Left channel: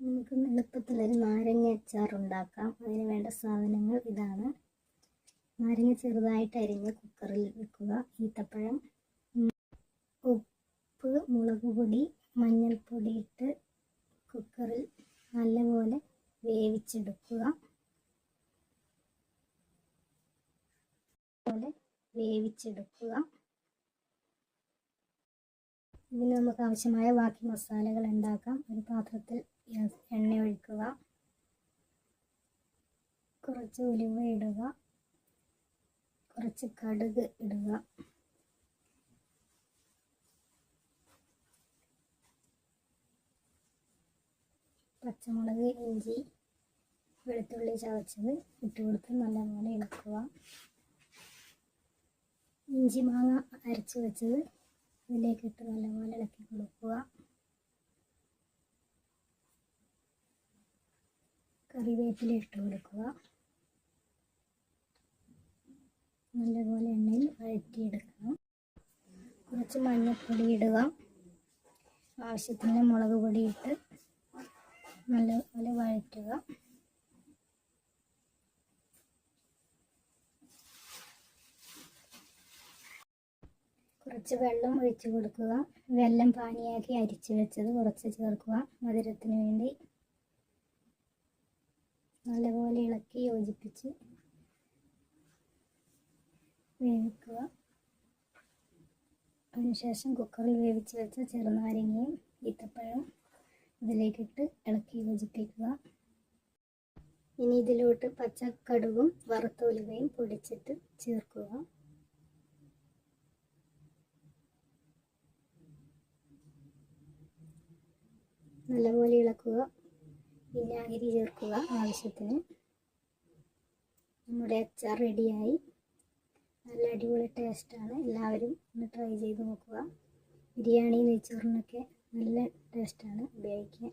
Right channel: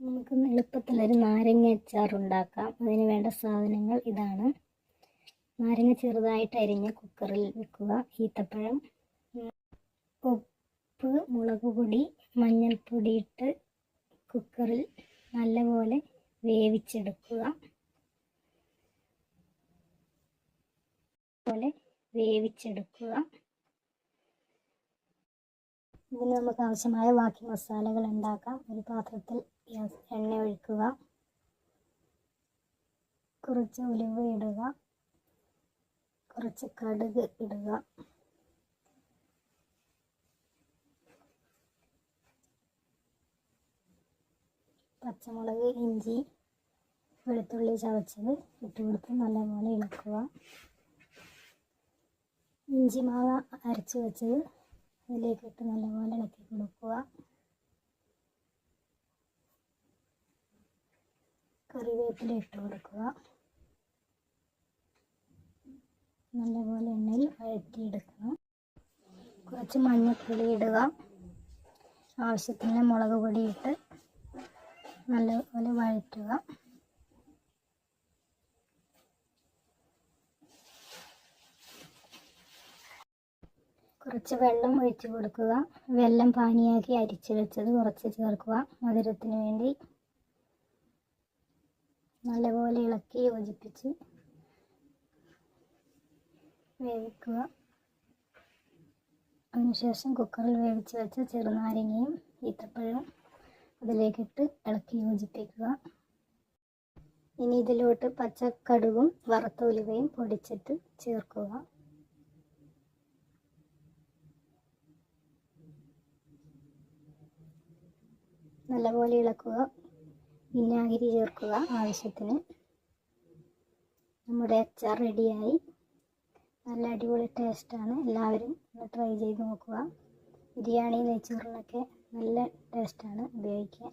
നമുക്ക് എളുപ്പത്തിലൊരു നാരങ്ങ അച്ചാർ ഉണ്ടാക്കാം. അതിന് വേണ്ട സാധനങ്ങൾ ഇതാണ്. നാരങ്ങ ചെറുതായിട്ട് അരിഞ്ഞ് കുക്കറിൽ വെക്കുക. ഈത്തപ്പഴം, ഉപ്പ്, മുളക് പൊടി, മഞ്ഞൾപ്പൊടി ഇട്ട് കുക്കറിൽ നല്ലപോലെ വേവിച്ചെടുക്കുക. ഇതിന് നമുക്ക് ആവശ്യമായ ബാക്കി മസാലകൾ ഉണ്ടാക്കാം. ഒരു പാത്രത്തിൽ എണ്ണ ഒഴിക്കുക, കുറച്ച് ഉലുവ ഇടുക, കുറച്ച് കടുക് ഇടുക, പച്ചമുളക്, ഇഞ്ചി, വെളുത്തുള്ളി ചതച്ചത് ഇട്ട് കൊടുത്ത് നല്ലപോലെ ഇളക്കുക. ഇഞ്ചി മാവ് അരച്ച് വെച്ചത് അതിലേക്കിട്ട് നല്ലപോലെ ഇളക്കി കൊടുക്കുക. കറിവേപ്പില ഇട്ട് കൊടുക്കുക. നല്ലപോലെ എണ്ണയിൽ വഴറ്റിയെടുക്കണം. കുറച്ച് മഞ്ഞൾപ്പൊടി ഇടുക. ആവശ്യത്തിന് മുളക് പൊടി ഇട്ട് നല്ലപോലെ വഴറ്റുക. കുറച്ച് വെള്ളം ഒഴിച്ച് കൊടുക്കുക. വെള്ളം പാനിയാക്കി അരിച്ച് വെച്ചത് കുറച്ച് ചേർക്കുക മധുരത്തിന് വേണ്ടി. നല്ലപോലെ ഇളക്കി യോജിപ്പിച്ച് വേവിക്കുക. അതിനുശേഷം കുക്കറിൽ വേവിച്ച് വെച്ച ചെറുനാരങ്ങയും ഈത്തപ്പഴവും അതിലേക്കിട്ട് ഇളക്കി യോജിപ്പിക്കുക. ഇനി ഇതിലോട്ട് പച്ചക്കടുകും വറുത്ത ഉലുവയും പൊടിച്ചിട്ട് ചേർക്കുക. നല്ലപോലെ ഇളക്കുക. വിനാഗിരി ചേർക്കുക ആവശ്യത്തിന്. നമ്മുടെ അച്ചാർ റെഡിയായി. നല്ല അടിപൊളി ടേസ്റ്റാണ്. എല്ലാവരും ഒന്ന് ട്രൈ ചെയ്ത് നോക്കുക. ബിരിയാണി, നെയ്ച്ചോറിനൊക്കെ നല്ല ടേസ്റ്റാണ് ഉപയോഗിക്കാൻ.